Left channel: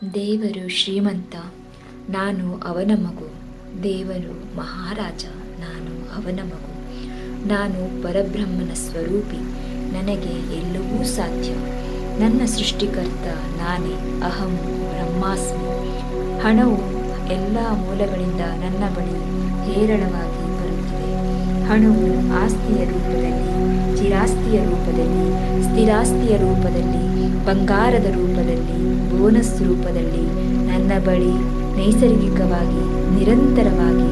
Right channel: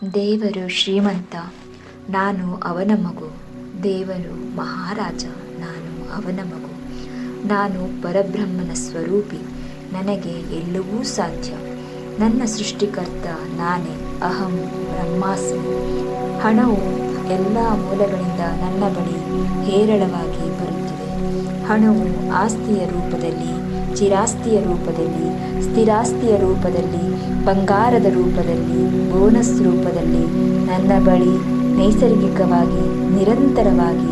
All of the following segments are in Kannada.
ದೇವರು ಶ್ರೀಮಂತ, ನಾನು ಅವನ ಮಗು. ದೇವರು ಮಹಾರಾಜ, ನಾನು ಅವನ ಮಗು. ನಾನು ಪರಬ್ರಹ್ಮನ ಸ್ವರೂಪಿ, ನನಗೆ ಎಲ್ಲವೂ ಸಾಧ್ಯ. ನನ್ನ ಸೃಷ್ಟಿಕರ್ತ ನಾನೇ, ಅಹಂ ಬ್ರಹ್ಮಾಸ್ಮಿ. ಹಣವು ಎಲ್ಲ ಮೂಲಗಳಿಂದ ನನ್ನ ಬಳಿ ಹೇರಳವಾಗಿ ಬರುತ್ತಿದೆ. ಹಣವು ಆಸ್ತಿಯ ರೂಪದಲ್ಲಿ, ಚಿರಾಸ್ತಿಯ ರೂಪದಲ್ಲಿ, ಸ್ಥಿರಾಸ್ತಿಯ ರೂಪದಲ್ಲಿ, ಬಂಗಾರದ ರೂಪದಲ್ಲಿ, ಬೋನಸ್ ರೂಪದಲ್ಲಿ ನನ್ನ ಬಳಿ ನೈಸರ್ಗಿಕವಾಗಿ, ನಿರಂತರವಾಗಿ,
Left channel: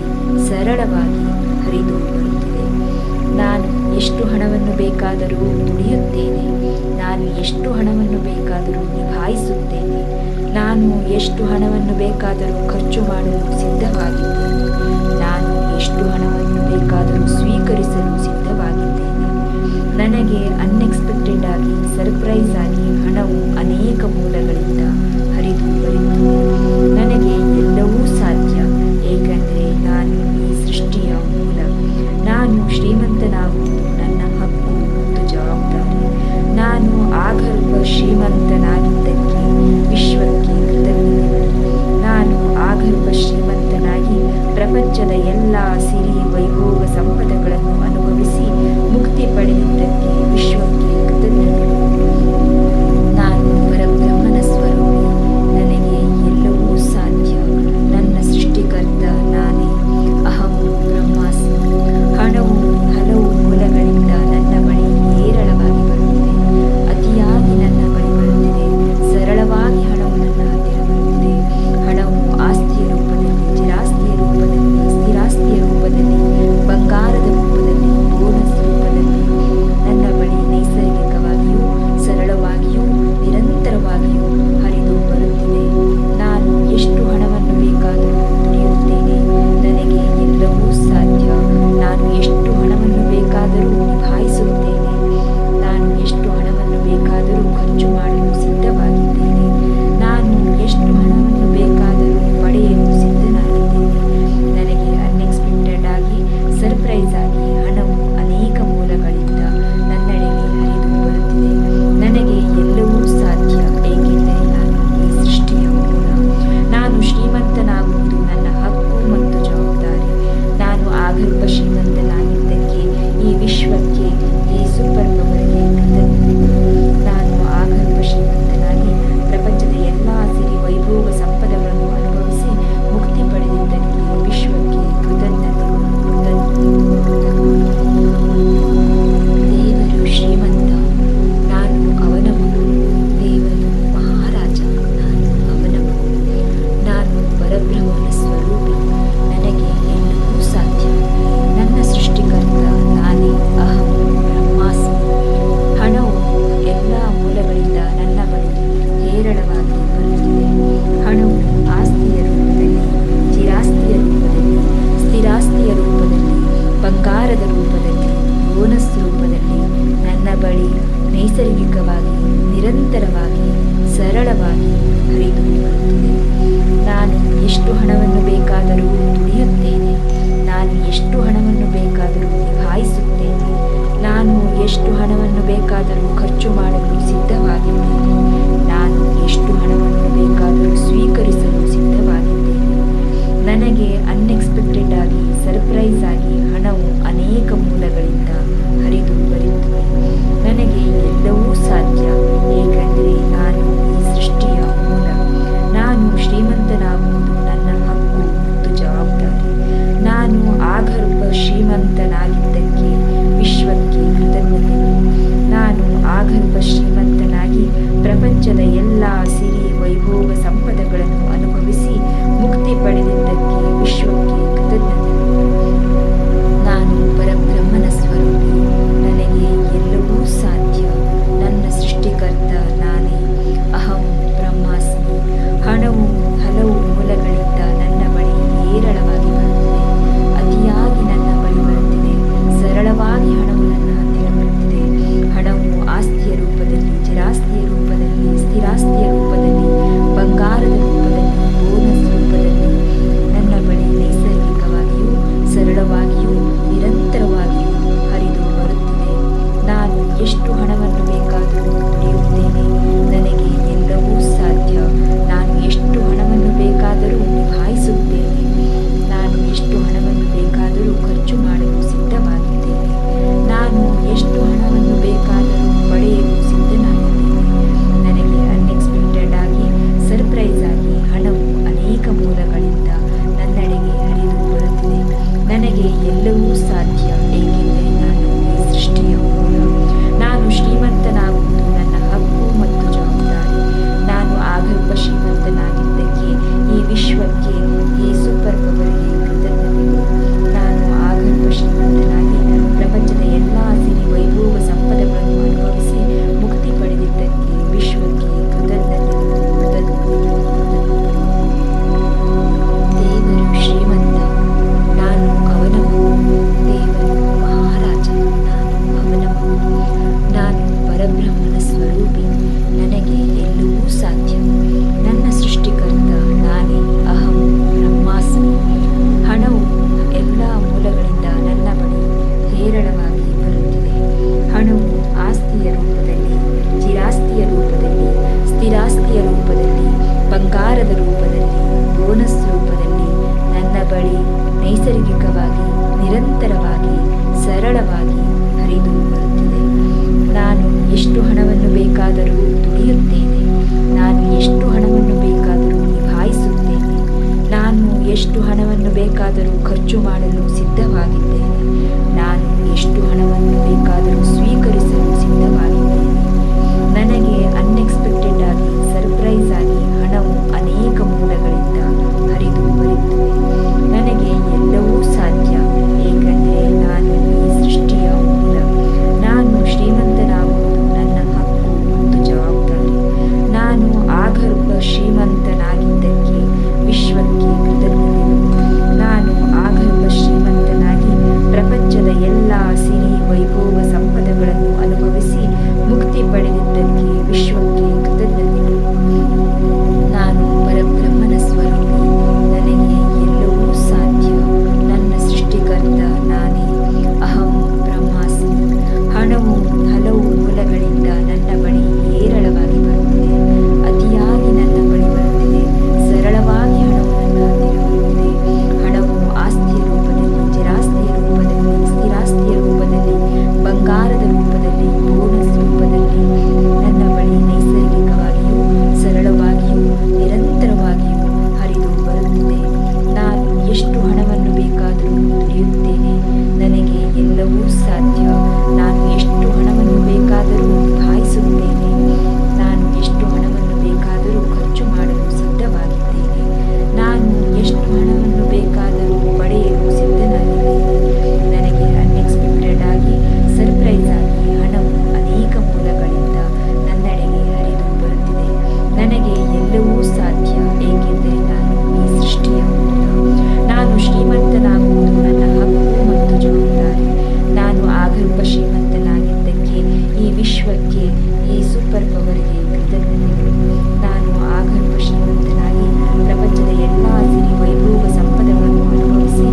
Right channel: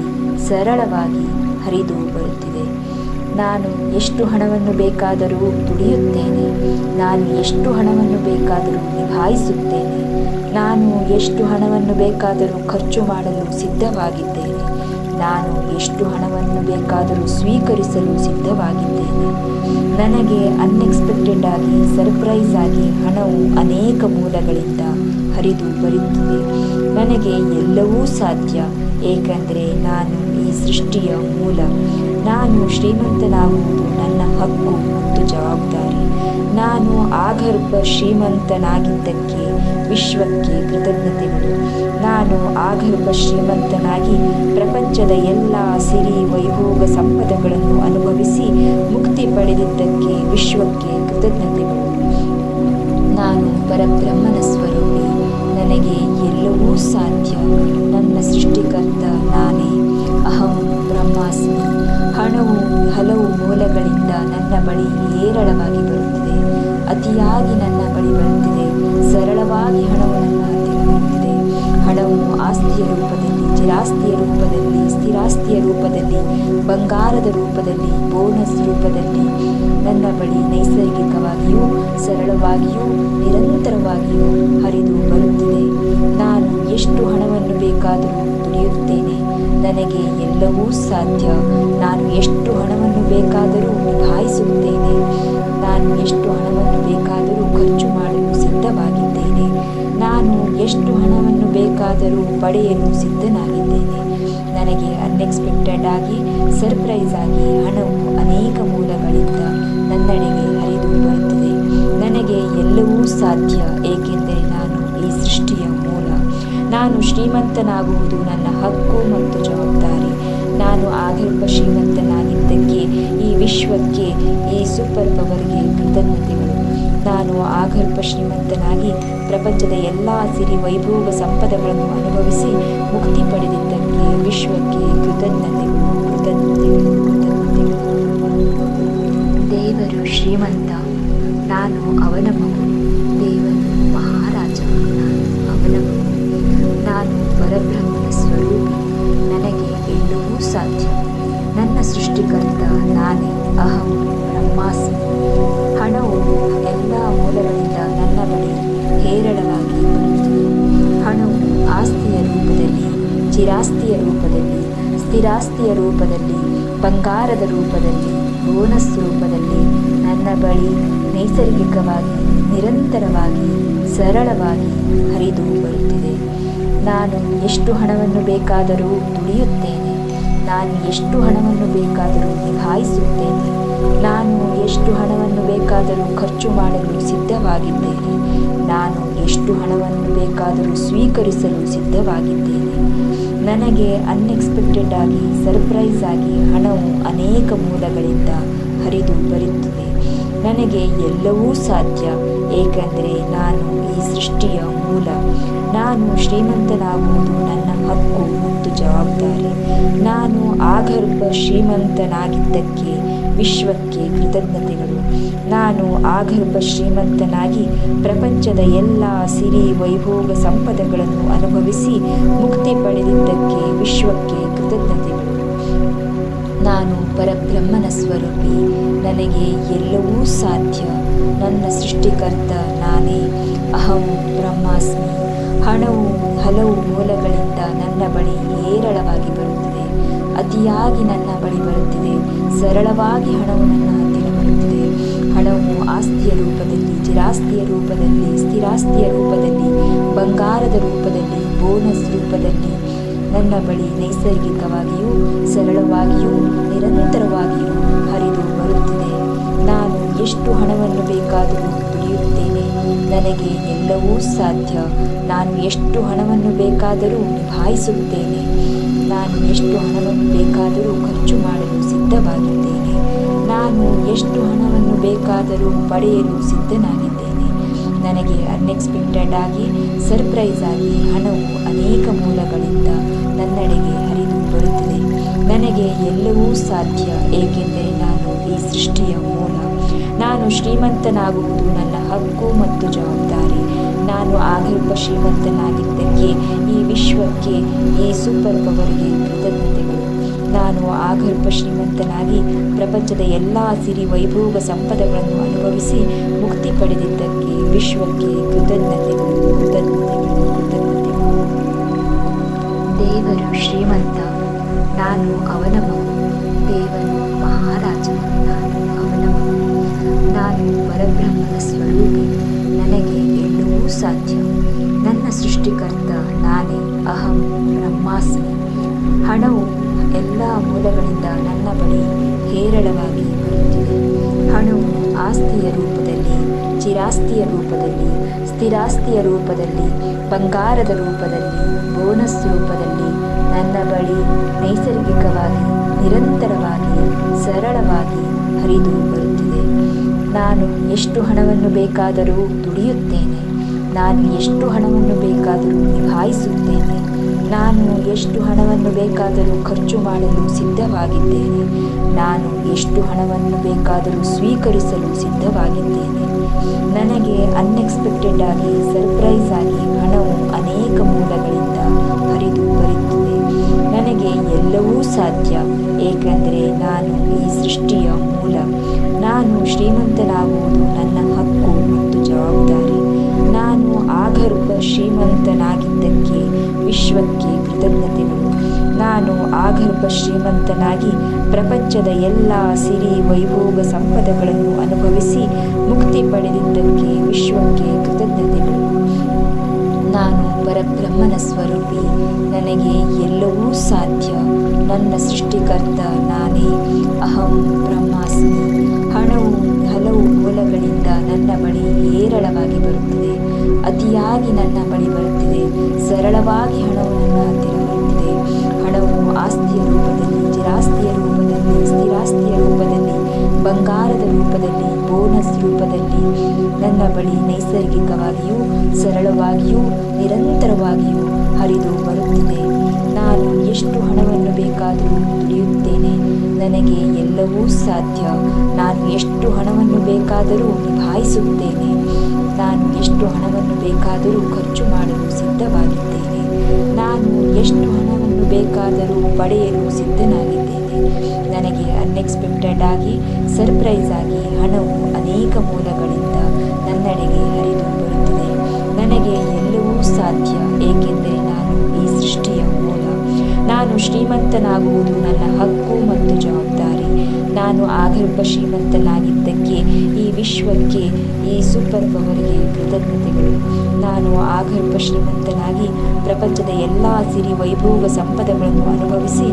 ಸರಳವಾಗಿ ಹರಿದು ಬರುತ್ತಿದೆ. ನಾನು ಎಷ್ಟು ಹಣವನ್ನು ಬೇಕಾದರೂ ದುಡಿಯುತ್ತೇನೆ. ನಾನು ಎಷ್ಟು ಹಣವನ್ನು ಬೇಕಾದರೂ ನಿಭಾಯಿಸುತ್ತೇನೆ. ನಾನು ಎಷ್ಟು ಹಣವನ್ನು ಬೇಕಾದರೂ ಖರ್ಚು ಮಾಡಲು ಸಿದ್ಧವಾಗಿದ್ದೇನೆ. ನಾನು ಎಷ್ಟು ಹಣವನ್ನು ಬೇಕಾದರೂ ಸ್ವೀಕರಿಸಲು ಸಿದ್ಧವಾಗಿದ್ದೇನೆ. ನನಗೆ ಅನ್ಎಕ್ಸ್ಪೆಕ್ಟೆಡ್ ಆಗಿ, ಸರ್ಪ್ರೈಸ್ ಆಗಿ ಹಣವು ಅನೇಕ ಮೂಲಗಳಿಂದ ಹರಿದು ಬರುತ್ತಿದೆ. ನನಗೆ ಎಲ್ಲವೂ ಸಾಧ್ಯ, ಏಕೆಂದರೆ ನಾನು ಈ ಸೃಷ್ಟಿಯ ಮೂಲ. ನಾನು ಶ್ರೀಮಂತನಾಗುವುದು ನನ್ನ ಹಕ್ಕು ಮತ್ತು ಜವಾಬ್ದಾರಿ. ನಾನು ಆಗರ್ಭ ಶ್ರೀಮಂತನಾಗಿದ್ದಕ್ಕೆ ವಿಶ್ವಕ್ಕೆ ಕೃತಜ್ಞತೆಗಳು. ನಾನು ಆಗರ್ಭ ಶ್ರೀಮಂತನಾಗಿ ಪ್ರಪಂಚದ ಎಲ್ಲ ಸಿರಿ ವೈಭೋಗ ಸಂಪದಗಳನ್ನು ಅನುಭವಿಸಿ ಮುಕ್ತಿ ಪಡೆದಿದ್ದಕ್ಕೆ ವಿಶ್ವಕ್ಕೆ ಕೃತಜ್ಞತೆಗಳು. ನಾನು ಪರಬ್ರಹ್ಮನ ಸ್ವರೂಪಿ, ನನಗೆ ಎಲ್ಲವೂ ಸಾಧ್ಯ. ನನ್ನ ಸೃಷ್ಟಿಕರ್ತ ನಾನೇ, ಅಹಂ ಬ್ರಹ್ಮಾಸ್ಮಿ. ಹಣವು ಹಲವು ಮೂಲಗಳಿಂದ ನನ್ನ ಬಳಿ ಹೇರಳವಾಗಿ ಬರುತ್ತಿದೆ. ಅತಿಯಾಗಿ ನನ್ನ ಬಳಿ ಬರುತ್ತಿದೆ. ಸರಳವಾಗಿ ಹಣವು ನನ್ನ ಹತ್ತಿರ ಬರುತ್ತಿದೆ. ಹಣವು ಆಸ್ತಿಯ ರೂಪದಲ್ಲಿ, ಚಿರಾಸ್ತಿಯ ರೂಪದಲ್ಲಿ, ಸ್ಥಿರಾಸ್ತಿಯ ರೂಪದಲ್ಲಿ, ಬಂಗಾರದ ರೂಪದಲ್ಲಿ, ಬೋನಸ್ ರೂಪದಲ್ಲಿ ನನ್ನ ಬಳಿ ನೈಸರ್ಗಿಕವಾಗಿಯೂ, ಸರಳವಾಗಿಯೂ, ನಿರಂತರವಾಗಿಯೂ ಹರಿದು ಬರುತ್ತಿದೆ. ನಾನು ಎಷ್ಟು ಹಣವನ್ನು ಬೇಕಾದರೂ ದುಡಿಯುತ್ತೇನೆ. ನನಗೆ ಎಲ್ಲವೂ ಸಾಧ್ಯ. ನಾನು ಎಷ್ಟು ಹಣವನ್ನು ಬೇಕಾದರೂ ನಿಭಾಯಿಸುತ್ತೇನೆ. ನಾನು ಎಷ್ಟು ಹಣವನ್ನು ಬೇಕಾದರೂ ಖರ್ಚು ಮಾಡಲು ಸಿದ್ಧವಾಗಿದ್ದೇನೆ. ನಾನು ಎಷ್ಟು ಹಣವನ್ನು ಬೇಕಾದರೂ ಪಡೆಯಲು ಸಿದ್ಧನಾಗಿದ್ದೇನೆ. ನನಗೆ ಅನ್ಎಕ್ಸ್ಪೆಕ್ಟೆಡ್ ಆಗಿ, ಸರ್ಪ್ರೈಸ್ ಆಗಿ ಹಣವು ಅನೇಕ ಮೂಲಗಳಿಂದ ನನ್ನೆಡೆಗೆ ಹರಿದು ಬರುತ್ತಿದೆ. ನನಗೆ ಎಲ್ಲವೂ ಸಾಧ್ಯ, ಏಕೆಂದರೆ ನಾನು ಈ ಸೃಷ್ಟಿಯ ಮೂಲ. ನಾನು ಶ್ರೀಮಂತನಾಗುವುದು ನನ್ನ ಹಕ್ಕು ಮತ್ತು ಜವಾಬ್ದಾರಿ. ನಾನು ಆಗರ್ಭ ಶ್ರೀಮಂತನಾಗಿದ್ದಕ್ಕೆ ಈ ವಿಶ್ವಕ್ಕೆ, ಈ ಸೂಪರ್ ಪವರ್ಗೆ ಕೃತಜ್ಞತೆಗಳು. ನಾನು ಆಗರ್ಭ ಶ್ರೀಮಂತನಾಗಿ ಪ್ರಪಂಚದ ಎಲ್ಲ ಸಿರಿ ವೈಭೋಗ ಸಂಪದಗಳನ್ನು ಅನುಭವಿಸಿ ಮುಕ್ತಿ ಪಡೆದಿದ್ದಕ್ಕೆ ವಿಶ್ವಕ್ಕೆ ಕೃತಜ್ಞತೆಗಳು. ದೇವರು ಶ್ರೀಮಂತ, ನಾನು ಅವನ ಮಗು. ದೇವರು ಮಹಾರಾಜ, ನಾನು ಅವನ ಮಗು. ನಾನು ಪರಬ್ರಹ್ಮನ ಸ್ವರೂಪಿ, ನನಗೆ ಎಲ್ಲವೂ ಸಾಧ್ಯ. ನನ್ನ ಸೃಷ್ಟಿಕರ್ತ ನಾನೇ, ಅಹಂ ಬ್ರಹ್ಮಾಸ್ಮಿ. ಹಣವು ಎಲ್ಲ ಮೂಲಗಳಿಂದ ನನ್ನ ಬಳಿ ಹೇರಳವಾಗಿ ಬರುತ್ತಿದೆ. ಹಣವು ಆಸ್ತಿಯ ರೂಪದಲ್ಲಿ, ಚಿರಾಸ್ತಿಯ ರೂಪದಲ್ಲಿ, ಸ್ಥಿರಾಸ್ತಿಯ ರೂಪದಲ್ಲಿ, ಬಂಗಾರದ ರೂಪದಲ್ಲಿ, ಬೋನಸ್ ರೂಪದಲ್ಲಿ ನನ್ನ ಬಳಿ ನೈಸರ್ಗಿಕವಾಗಿ, ನಿರಂತರವಾಗಿ, ಸರಳವಾಗಿ ಹರಿದು ಬರುತ್ತಿದೆ. ನಾನು ಎಷ್ಟು ಹಣವನ್ನು ಬೇಕಾದರೂ ದುಡಿಯುತ್ತೇನೆ. ನಾನು ಎಷ್ಟು ಹಣವನ್ನು ಬೇಕಾದರೂ ನಿಭಾಯಿಸುತ್ತೇನೆ. ನಾನು ಎಷ್ಟು ಹಣವನ್ನು ಬೇಕಾದರೂ ಖರ್ಚು ಮಾಡಲು ಸಿದ್ಧವಾಗಿದ್ದೇನೆ. ನಾನು ಎಷ್ಟು ಹಣವನ್ನು ಬೇಕಾದರೂ ಸ್ವೀಕರಿಸಲು ಸಿದ್ಧವಾಗಿದ್ದೇನೆ. ನನಗೆ ಅನ್ಎಕ್ಸ್ಪೆಕ್ಟೆಡ್ ಆಗಿ, ಸರ್ಪ್ರೈಸ್ ಆಗಿ ಹಣವು ಅನೇಕ ಮೂಲಗಳಿಂದ ಹರಿದು ಬರುತ್ತಿದೆ. ನನಗೆ ಎಲ್ಲವೂ ಸಾಧ್ಯ, ಏಕೆಂದರೆ ನಾನು ಈ ಸೃಷ್ಟಿಯ ಮೂಲ. ನಾನು ಶ್ರೀಮಂತನಾಗುವುದು ನನ್ನ ಹಕ್ಕು ಮತ್ತು ಜವಾಬ್ದಾರಿ. ನಾನು ಆಗರ್ಭ ಶ್ರೀಮಂತನಾಗಿದ್ದಕ್ಕೆ ವಿಶ್ವಕ್ಕೆ ಕೃತಜ್ಞತೆಗಳು. ನಾನು ಆಗರ್ಭ ಶ್ರೀಮಂತನಾಗಿ ಪ್ರಪಂಚದ ಎಲ್ಲ ಸಿರಿ ವೈಭೋಗ ಸಂಪದಗಳನ್ನು ಅನುಭವಿಸಿ ಮುಕ್ತಿ ಪಡೆದಿದ್ದಕ್ಕೆ ವಿಶ್ವಕ್ಕೆ ಕೃತಜ್ಞತೆಗಳು. ನಾನು ಪರಬ್ರಹ್ಮನ ಸ್ವರೂಪಿ, ನನಗೆ ಎಲ್ಲವೂ ಸಾಧ್ಯ. ನನ್ನ ಸೃಷ್ಟಿಕರ್ತ ನಾನೇ, ಅಹಂ ಬ್ರಹ್ಮಾಸ್ಮಿ. ಹಣವು ಹಲವು ಮೂಲಗಳಿಂದ ನನ್ನ ಬಳಿ ಹೇರಳವಾಗಿ ಬರುತ್ತಿದೆ. ಅತಿಯಾಗಿ ನನ್ನ ಬಳಿ ಬರುತ್ತಿದೆ. ಸರಳವಾಗಿ ಹಣವು ನನ್ನ ಹತ್ತಿರ ಬರುತ್ತಿದೆ. ಹಣವು ಆಸ್ತಿಯ ರೂಪದಲ್ಲಿ, ಚಿರಾಸ್ತಿಯ ರೂಪದಲ್ಲಿ, ಸ್ಥಿರಾಸ್ತಿಯ ರೂಪದಲ್ಲಿ, ಬಂಗಾರದ ರೂಪದಲ್ಲಿ, ಬೋನಸ್ ರೂಪದಲ್ಲಿ, ನನ್ನ ಬಳಿ ನೈಸರ್ಗಿಕವಾಗಿಯೂ ಸರಳವಾಗಿಯೂ ನಿರಂತರವಾಗಿಯೂ ಹರಿದು ಬರುತ್ತಿದೆ. ನಾನು ಎಷ್ಟು ಹಣವನ್ನು ಬೇಕಾದರೂ ದುಡಿಯುತ್ತೇನೆ, ನನಗೆ ಎಲ್ಲವೂ ಸಾಧ್ಯ. ನಾನು ಎಷ್ಟು ಹಣವನ್ನು ಬೇಕಾದರೂ ನಿಭಾಯಿಸುತ್ತೇನೆ, ನಾನು ಎಷ್ಟು ಹಣವನ್ನು ಬೇಕಾದರೂ ಖರ್ಚು ಮಾಡಲು ಸಿದ್ಧವಾಗಿದ್ದೇನೆ, ನಾನು ಎಷ್ಟು ಹಣವನ್ನು ಬೇಕಾದರೂ ಪಡೆಯಲು ಸಿದ್ಧನಾಗಿದ್ದೇನೆ. ನನಗೆ ಅನ್ಎಕ್ಸ್ಪೆಕ್ಟೆಡ್ ಆಗಿ, ಸರ್ಪ್ರೈಸ್ ಆಗಿ ಹಣವು ಅನೇಕ ಮೂಲಗಳಿಂದ ನನ್ನೆಡೆಗೆ ಹರಿದು ಬರುತ್ತಿದೆ. ನನಗೆ ಎಲ್ಲವೂ ಸಾಧ್ಯ, ಏಕೆಂದರೆ ನಾನು ಈ ಸೃಷ್ಟಿಯ ಮೂಲ. ನಾನು ಶ್ರೀಮಂತನಾಗುವುದು ನನ್ನ ಹಕ್ಕು ಮತ್ತು ಜವಾಬ್ದಾರಿ. ನಾನು ಆಗಲ್ಪ ಶ್ರೀಮಂತನಾಗಿದ್ದಕ್ಕೆ ಈ ವಿಶ್ವಕ್ಕೆ, ಈ ಸೂಪರ್ ಪವರ್ಗೆ ಕೃತಜ್ಞತೆಗಳು. ನಾನು ಆಗಲ್ಪ ಶ್ರೀಮಂತನಾಗಿ ಪ್ರಪಂಚದ ಎಲ್ಲ ಸಿರಿ ವೈಭೋಗ ಸಂಪದಗಳನ್ನು ಅನುಭವಿಸಿ ಮುಕ್ತಿ ಪಡೆದಿದ್ದಕ್ಕೆ ವಿಶ್ವಕ್ಕೆ ಕೃತಜ್ಞತೆಗಳು, ಕೃತಜ್ಞತೆಗಳು, ಕೃತಜ್ಞತೆಗಳು. ದೇವರು ಶ್ರೀಮಂತ, ನಾನು ಅವನ ಮಗು. ದೇವರು ಮಹಾರಾಜ, ನಾನು ಅವನ ಮಗು. ನಾನು ಪರಬ್ರಹ್ಮನ ಸ್ವರೂಪಿ, ನನಗೆ ಎಲ್ಲವೂ ಸಾಧ್ಯ. ನನ್ನ ಸೃಷ್ಟಿಕರ್ತ ನಾನೇ, ಅಹಂ ಬ್ರಹ್ಮಾಸ್ಮಿ. ಹಣವು ಎಲ್ಲ ಮೂಲಗಳಿಂದ ನನ್ನ ಬಳಿ ಹೇರಳವಾಗಿ ಬರುತ್ತಿದೆ. ಹಣವು ಆಸ್ತಿಯ ರೂಪದಲ್ಲಿ, ಚಿರಾಸ್ತಿಯ ರೂಪದಲ್ಲಿ, ಸ್ಥಿರಾಸ್ತಿಯ ರೂಪದಲ್ಲಿ, ಬಂಗಾರದ ರೂಪದಲ್ಲಿ, ಬೋನಸ್ ರೂಪದಲ್ಲಿ ನನ್ನ ಬಳಿ ನೈಸರ್ಗಿಕವಾಗಿ, ನಿರಂತರವಾಗಿ, ಸರಳವಾಗಿ ಹರಿದು ಬರುತ್ತಿದೆ. ನಾನು ಎಷ್ಟು ಹಣವನ್ನು ಬೇಕಾದರೂ ದುಡಿಯುತ್ತೇನೆ, ನಾನು ಎಷ್ಟು ಹಣವನ್ನು ಬೇಕಾದರೂ ನಿಭಾಯಿಸುತ್ತೇನೆ, ನಾನು ಎಷ್ಟು ಹಣವನ್ನು ಬೇಕಾದರೂ ಖರ್ಚು ಮಾಡಲು ಸಿದ್ಧವಾಗಿದ್ದೇನೆ, ನಾನು ಎಷ್ಟು ಹಣವನ್ನು ಬೇಕಾದರೂ ಸ್ವೀಕರಿಸಲು ಸಿದ್ಧವಾಗಿದ್ದೇನೆ. ನನಗೆ ಅನ್ಎಕ್ಸ್ಪೆಕ್ಟೆಡ್ ಆಗಿ, ಸರ್ಪ್ರೈಸ್ ಆಗಿ ಹಣವು ಅನೇಕ ಮೂಲಗಳಿಂದ ಹರಿದು ಬರುತ್ತದೆ. ನನಗೆ ಎಲ್ಲವೂ ಸಾಧ್ಯ, ಏಕೆಂದರೆ ನಾನು ಈ ಸೃಷ್ಟಿಯ ಮೂಲ. ನಾನು ಶ್ರೀಮಂತನಾಗುವುದು ನನ್ನ ಹಕ್ಕು ಮತ್ತು ಜವಾಬ್ದಾರಿ. ನಾನು ಆಗರ್ಭ ಶ್ರೀಮಂತನಾಗಿದ್ದಕ್ಕೆ ವಿಶ್ವಕ್ಕೆ ಕೃತಜ್ಞತೆಗಳು. ನಾನು ಆಗರ್ಭ ಶ್ರೀಮಂತನಾಗಿ ಪ್ರಪಂಚದ ಎಲ್ಲ ಸಿರಿ ವೈಭೋಗ ಸಂಪದಗಳನ್ನು ಅನುಭವಿಸಿ ಮುಕ್ತಿ ಪಡೆದಿದ್ದಕ್ಕೆ ವಿಶ್ವಕ್ಕೆ ಕೃತಜ್ಞತೆಗಳು. ನಾನು ಪರಬ್ರಹ್ಮನ ಸ್ವರೂಪಿ, ನನಗೆ ಎಲ್ಲವೂ ಸಾಧ್ಯ. ನನ್ನ ಸೃಷ್ಟಿಕರ್ತ ನಾನೇ, ಅಹಂ ಬ್ರಹ್ಮಾಸ್ಮಿ. ಹಣವು ಹಲವು ಮೂಲಗಳಿಂದ ನನ್ನ ಬಳಿ ಹೇರಳವಾಗಿ ಬರುತ್ತಿದೆ, ಅತಿಯಾಗಿ ನನ್ನ ಬಳಿ ಬರುತ್ತಿದೆ. ಸರಳವಾಗಿ ಹಣವು ನನ್ನ ಹತ್ತಿರ ಬರುತ್ತಿದೆ. ಹಣವು ಆಸ್ತಿಯ ರೂಪದಲ್ಲಿ, ಚಿರಾಸ್ತಿಯ ರೂಪದಲ್ಲಿ, ಸ್ಥಿರಾಸ್ತಿಯ ರೂಪದಲ್ಲಿ, ಬಂಗಾರದ ರೂಪದಲ್ಲಿ, ಬೋನಸ್ ರೂಪದಲ್ಲಿ ನನ್ನ ಬಳಿ ನೈಸರ್ಗಿಕವಾಗಿಯೂ ಸರಳವಾಗಿಯೂ ನಿರಂತರವಾಗಿಯೂ ಹರಿದು ಬರುತ್ತಿದೆ. ನಾನು ಎಷ್ಟು ಹಣವನ್ನು ಬೇಕಾದರೂ ದುಡಿಯುತ್ತೇನೆ, ನನಗೆ ಎಲ್ಲವೂ ಸಾಧ್ಯ. ನಾನು ಎಷ್ಟು ಹಣವನ್ನು ಬೇಕಾದರೂ ನಿಭಾಯಿಸುತ್ತೇನೆ, ನಾನು ಎಷ್ಟು ಹಣವನ್ನು ಬೇಕಾದರೂ ಖರ್ಚು ಮಾಡಲು ಸಿದ್ಧವಾಗಿದ್ದೇನೆ, ನಾನು ಎಷ್ಟು ಹಣವನ್ನು ಬೇಕಾದರೂ ಪಡೆಯಲು ಸಿದ್ಧನಾಗಿದ್ದೇನೆ. ನನಗೆ ಅನ್ಎಕ್ಸ್ಪೆಕ್ಟೆಡ್ ಆಗಿ, ಸರ್ಪ್ರೈಸ್ ಆಗಿ ಹಣವು ಅನೇಕ ಮೂಲಗಳಿಂದ ನನ್ನೆಡೆಗೆ ಹರಿದು ಬರುತ್ತಿದೆ. ನನಗೆ ಎಲ್ಲವೂ ಸಾಧ್ಯ, ಏಕೆಂದರೆ ನಾನು ಈ ಸೃಷ್ಟಿಯ ಮೂಲ. ನಾನು ಶ್ರೀಮಂತನಾಗುವುದು ನನ್ನ ಹಕ್ಕು ಮತ್ತು ಜವಾಬ್ದಾರಿ. ನಾನು ಆಗರ್ಭ ಶ್ರೀಮಂತನಾಗಿದ್ದಕ್ಕೆ ಈ ವಿಶ್ವಕ್ಕೆ, ಈ ಸೂಪರ್ ಪವರ್ಗೆ ಕೃತಜ್ಞತೆಗಳು. ನಾನು ಆಗರ್ಭ ಶ್ರೀಮಂತನಾಗಿ ಪ್ರಪಂಚದ ಎಲ್ಲ ಸಿರಿ ವೈಭೋಗ ಸಂಪದಗಳನ್ನು ಅನುಭವಿಸಿ